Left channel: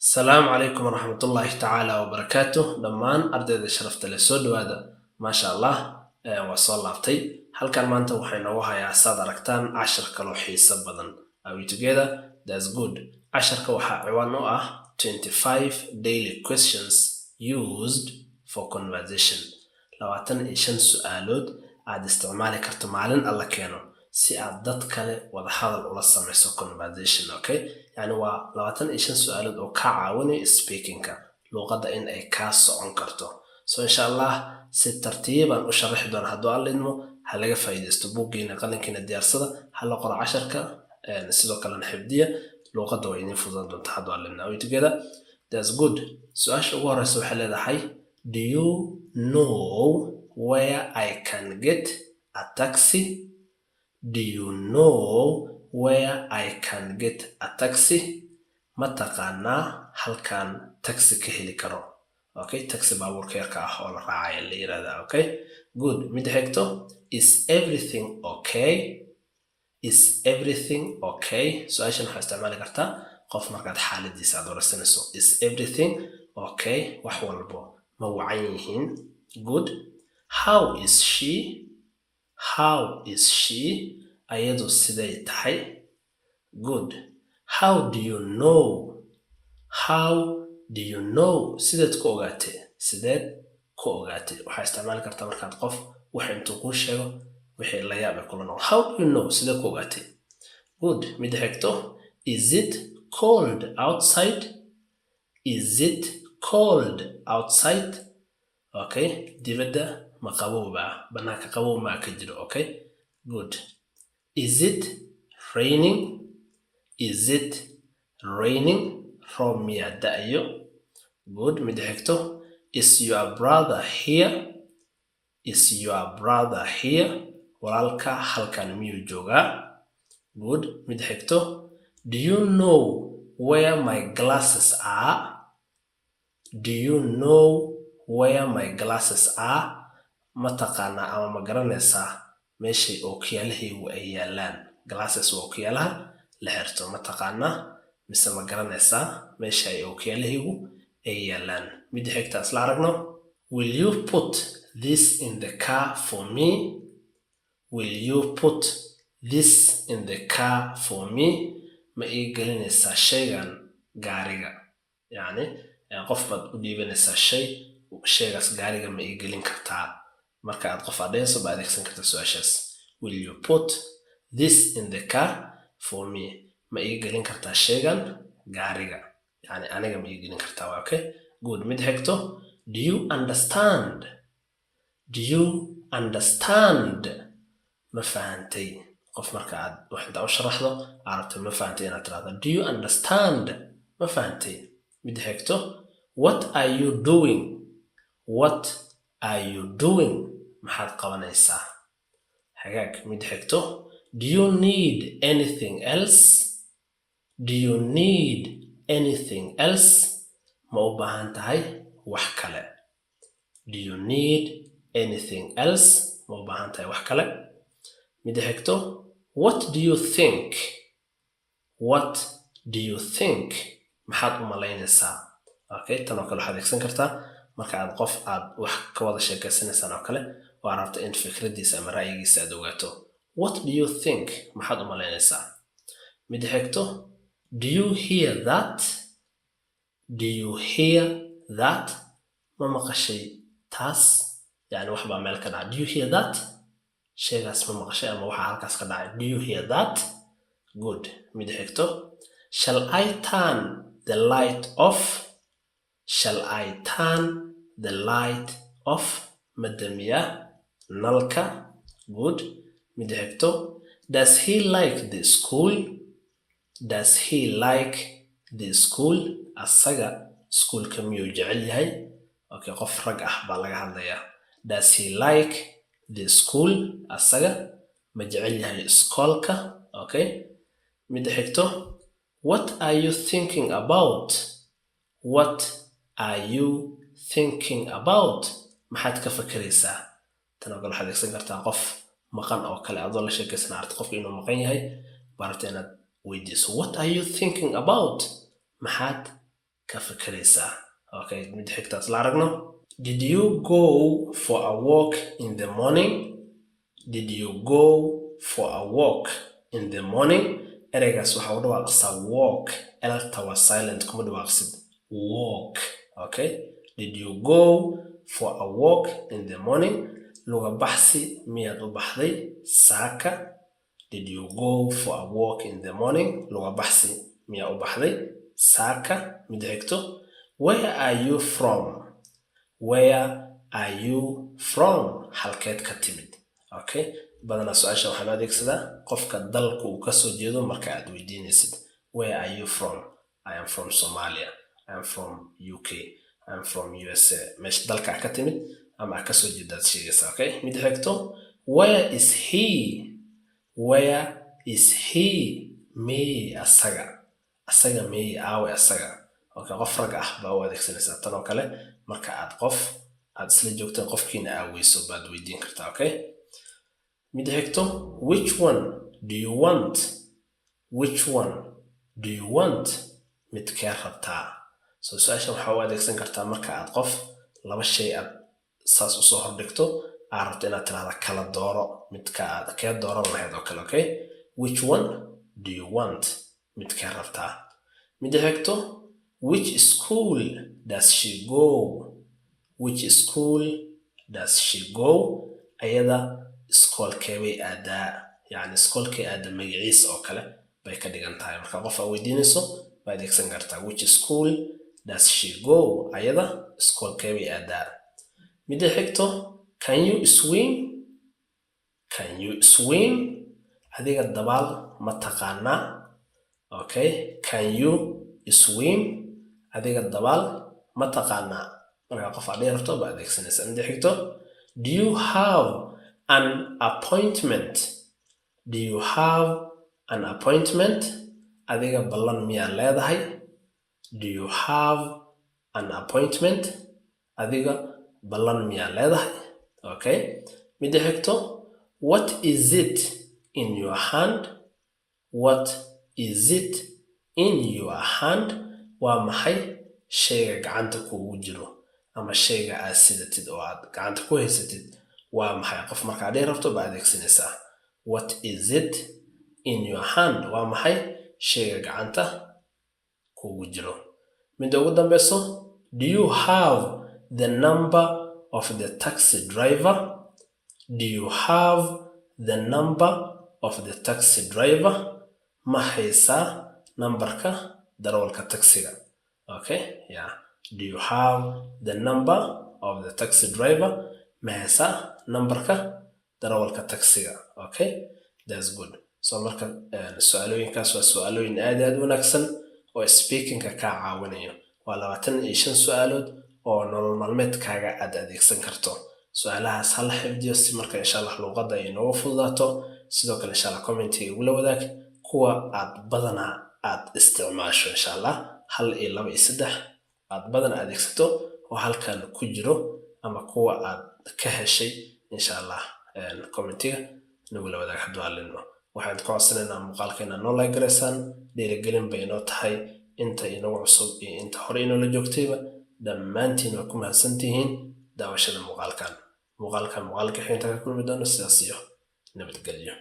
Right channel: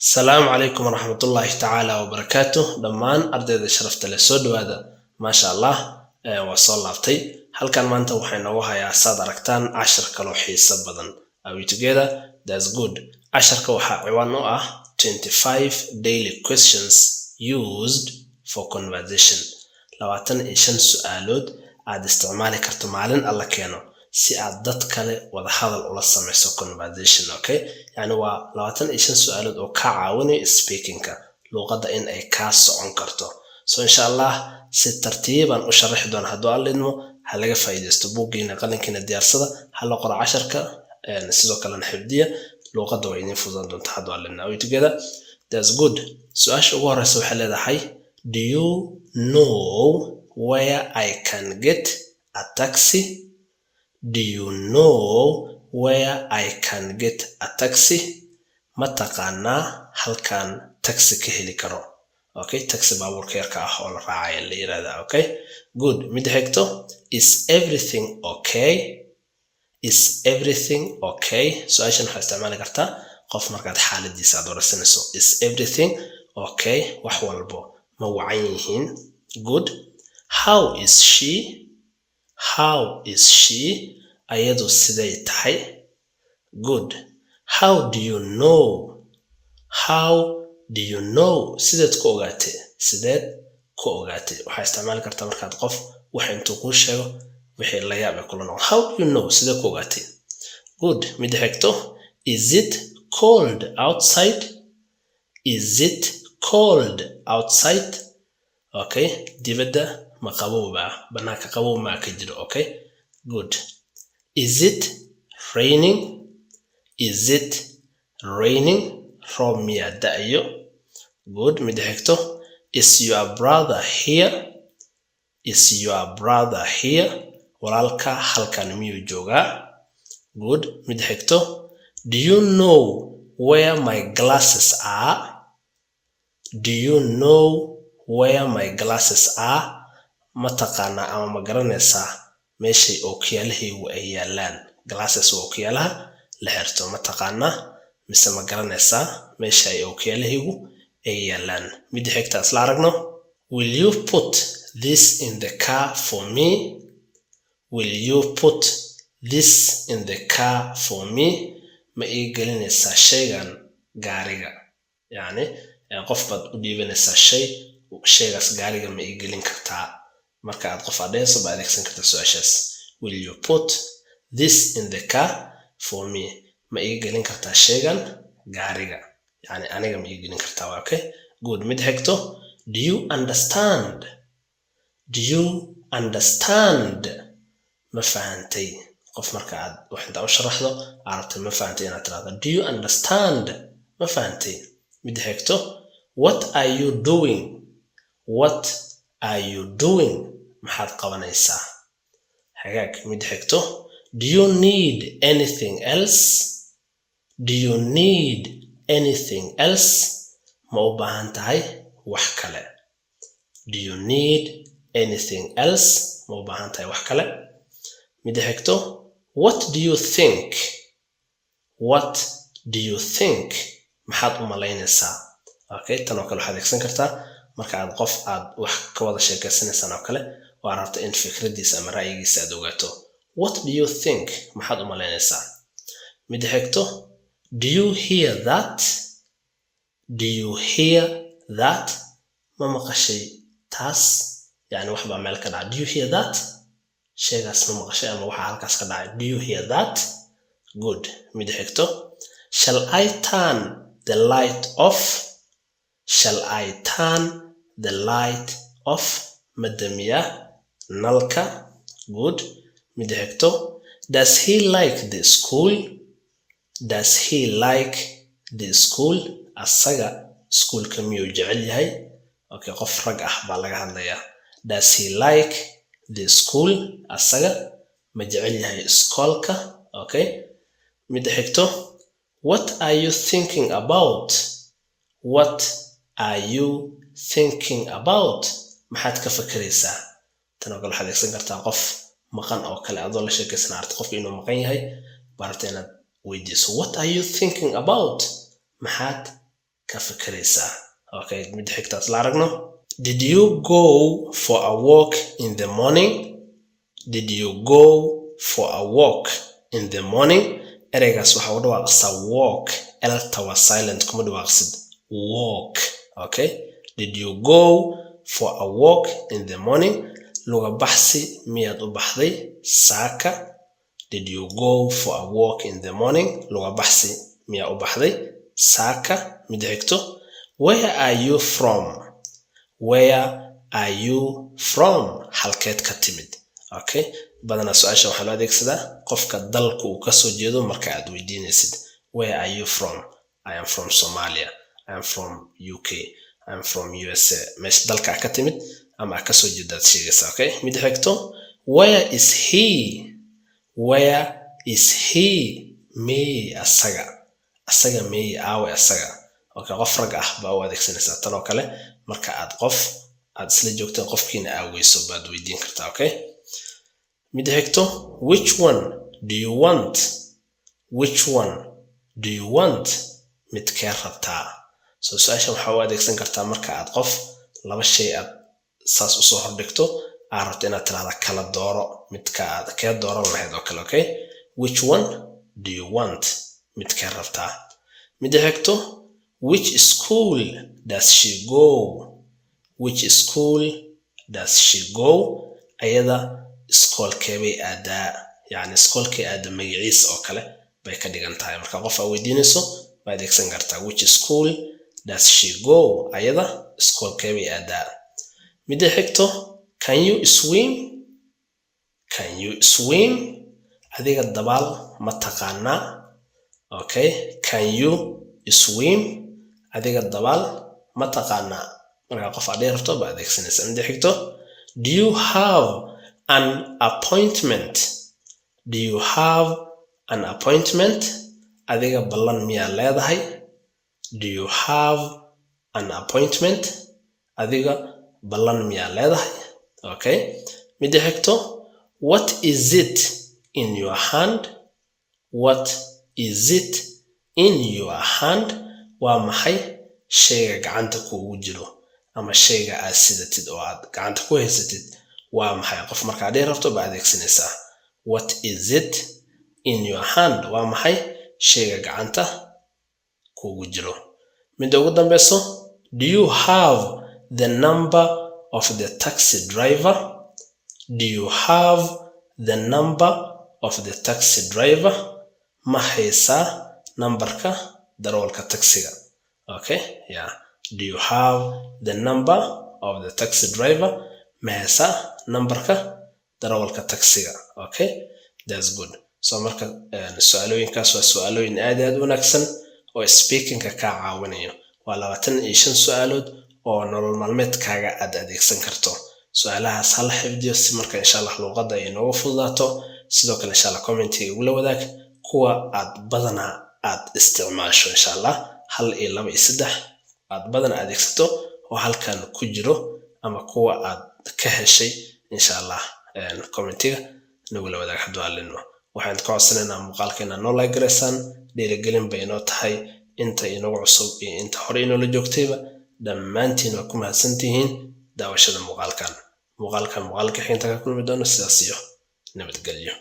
السلام عليكم ورحمة الله تعالى وبركاته دمان أرداد شرفت لسود وهذا ما شاء الله وصل لابتي هل كان ما أنت وحين وها يا ساد ركتان 10 كلوحي سبضا Are we together? That's good 10 كوحة عوانو 25 daily questions used for conversation لواتن إيشان سؤالود عاد استعمالي كرتمالن الله كيانو si aad dad kale wada hadal ula samayso conversation okay yani waa 25 su'aalood oo ka caawinaya speaking-ka luqadda in ay ka socon karto so insha Allah si tartiiban u sharaxi doon hadduu alidmo ha laga faa'iideysto buuggiina qalinkiina diyaarsada ha la qoro 10ka sidoo kale xifdiya luqadda way idin fududan doontaa hadduu alidmo way together that's good su'aasha ugu horeysa waxay leedahay do you know where I can get a taxi Do you know where I can get a taxi? Mataqana halkan taxi ka heli karo. Okay, taxi baabuurka yarka ah oo la raacay la yiraahdo. Okay, good. Mid xigto is everything okay? Is everything okay? Su'aashan waxaa isticmaali kartaa qof markaad xaaladiisa aad waraysanayso. Is everything okay? Wax walbo ma wacan yihiin? Good. How is she? How is she? Ayadu siday tahay? Good. How do you know? How do you know? Sideed ku ogaatay? Sideed ku ogaatay? Waxaa isticmaali kartaa markaad qof wax intuu kuu sheego wixii la yaab kula noqon. How do you know? Sideed ku ogaatay? Good. Mid xigto. Is it cold outside? Is it cold outside? Okay. Dibadda ma qabowba banaanka qabow ma ka jiro okay good is it raining from ya da'yo good mid xigto is your brother here walaalka halkan miyuu joogaa good mid xigto do you know where my glasses are mataqaana ama ma garanaysaa meeshay ookiyaalahaygu ay yaalaan glasses waa ookiyaalaha la xirto mataqaana mise ma garanaysaa meesha ay ookiyaalahaygu ay yaalaan mid xigta isla aragno will you put this in the car for me ma ii gelinaysaa shaygan gaariga yani qof baad u dhiibanaysaa shaygaas gaariga ma ii gelin kartaa marka aad qof adeyso baad adeegsan kartaa su'aashaas will you put this in the car for me ma ii gelin kartaa shaygan gaariga yani aniga ma ii gelin kartaa okay good mid xigto do you understand ma fahantay qof marka aad wax inta u sharaxdo aragtay ma fahantay inaad tiraahdo do you understand ma fahantay mid xigto what are you doing maxaad qabanaysaa hagaag mid xigto do you need anything else ma u baahan tahay wax kale mid xigto what do you think maxaad u malaynaysaa okay tan oo kale waxaad adeegsan kartaa marka aad qof aad wax ka wada sheekaysanaysaan oo kale oo rabto in fikradiisa ama ra'yigiisa aad ogaato what do you think maxaad u malaynaysaa mid xigto do you hear that ma maqashay taas yani wax baa meel ka dhacay do you hear that shaygaas ma maqashay ama waxa halkaas ka dhacay do you hear that good mid xigto shall I turn the light off madamiya nalka good mid xigto does he like the school asaga schoolka miyuu jecel yahay okay qof rag ah baa laga hadlayaa does he like the school asaga ma jecel yahay iskoolka okay mid xigto what are you thinking about maxaad ka fakaraysaa tan oo kale waxaad adeegsan kartaa qof maqan oo kale adoo la sheekaysan aragti qofka inuu maqan yahay barata inaad weydiiso what are you thinking about maxaad ka fikiraysaa. Okay, mid xigtaas la aragno. Did you go for a walk in the morning? Did you go for a walk in the morning? Ereygaas waxaa u dhawaaqsaa walk. Elta waa silent, kuma dhawaaqsid walk. Okay, did you go for a walk in the morning? Luga baxsi miyaad u baxday saaka? Did you go for a walk in the morning? Luga baxsi miyaa u baxday saaka? Mid xigto. Where are you from? Where are you from? Halkeed ka timid. Okay, badanaa su-aasha waxaa loo adeegsadaa qofka dalka uu kasoo jeedo marka aad weydiinaysid. Where are you from? I am from Somalia. I am from UK. I am from USA. meesha dalka ka timid ama kasoo jeedaad sheegaysa. Okay, mid xigto. Where is he? Where is he? Me asaga. Asaga me aawe asaga. Okay, qof rag ah baa u adeegsanaysaa tan oo kale marka aad qof aad isla joogtaan qofkiina aaweyso baad weydiin kartaa. Okay, mid xigto. Which one do you want? Which one do you want? midkee rabtaa. So su-aashan waxaa u adeegsan kartaa marka aad qof laba shay aad saas usoo hordhigto aad rabto inaad tirahda kala dooro midka aad kee dooran lahayd oo kale. Okay, which one do you want? midkee rabtaa. mid xigto. Which school does she go? Which school does she go? ayada iskoolkee bay aadaa. Yani iskoolkee aada magaciis oo kale bay ka dhigan tahay. marka qof aad weydiinayso baad adeegsan kartaa which school does she go? ayada iskoolkee bay aadaa. mid xigto. Can you swim? Can you swim? adiga dabaal ma taqaanaa. Okay, can you swim? adiga dabaal ma taqaanaa. marka qof aad rabto baad adeegsanaysaa. mid xigto. Do you have an appointment? Do you have an appointment? adiga ballan miyaa leedahay. Do you have an appointment? adiga ballan miyaa leedahay. Okay, mid xigto. What is it in your hand? What is it in your hand? waa maxay shayga gacanta kuugu jiro ama shayga aad sidatid oo aad gacanta ku haysatid. waa maxay qof markaad rabto baad adeegsanaysaa what is it in your hand. waa maxay shayga gacanta kuugu jiro. mid ugu dambeyso. Do you have the number of the taxi driver? Do you have the number of the taxi driver? ma haysaa nambarka darawalka taxiga. Okay, yeah. Do you have the number of the taxi driver? ma haysaa nambarka darawalka taxiga. Okay, that's good. so marka su-aalooyinkaas waa su-aalooyin aad u wanaagsan oo speakingka kaa caawinayo. waa 25 su-aalood oo nolol maalmeedkaaga aad adeegsan karto. su-aalahaas hal xifdiyo si marka insha Allah luqadda ay noogu fududaato. sidoo kale insha Allah commentiga ugula wadaag kuwa aad badanaa aad isticmaasho. insha Allah 1 iyo 2 iyo 3 aad badan adeegsato oo halkan ku jiro ama kuwa aad ka heshay insha Allah commentiga nagula wadaag hadduu alino. waxaan ka codsanaynaa muuqaalkeena noo like gareysaan. dhiirigelin bay inoo tahay inta inagu cusub iyo inta hore inoola joogtayba. dhammaantiin waa ku mahadsantihiin daawashada muuqaalkan. muuqaalka xigta ka kulmi doono. sidaas iyo nabadgelyo.